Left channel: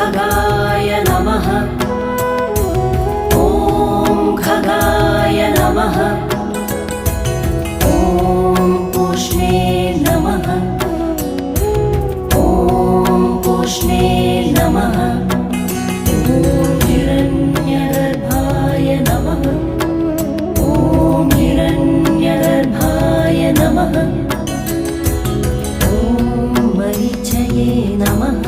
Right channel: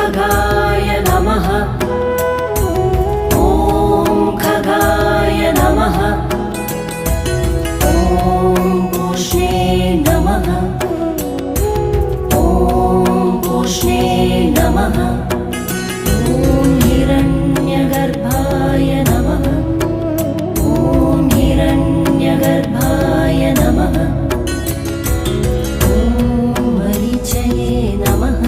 खगाय नमः। ॐ खगाय नमः। ॐ पूष्णे नमः। ॐ पूष्णे नमः। ॐ हिरण्यगर्भाय नमः। ॐ हिरण्यगर्भाय नमः। ॐ मरीचये नमः।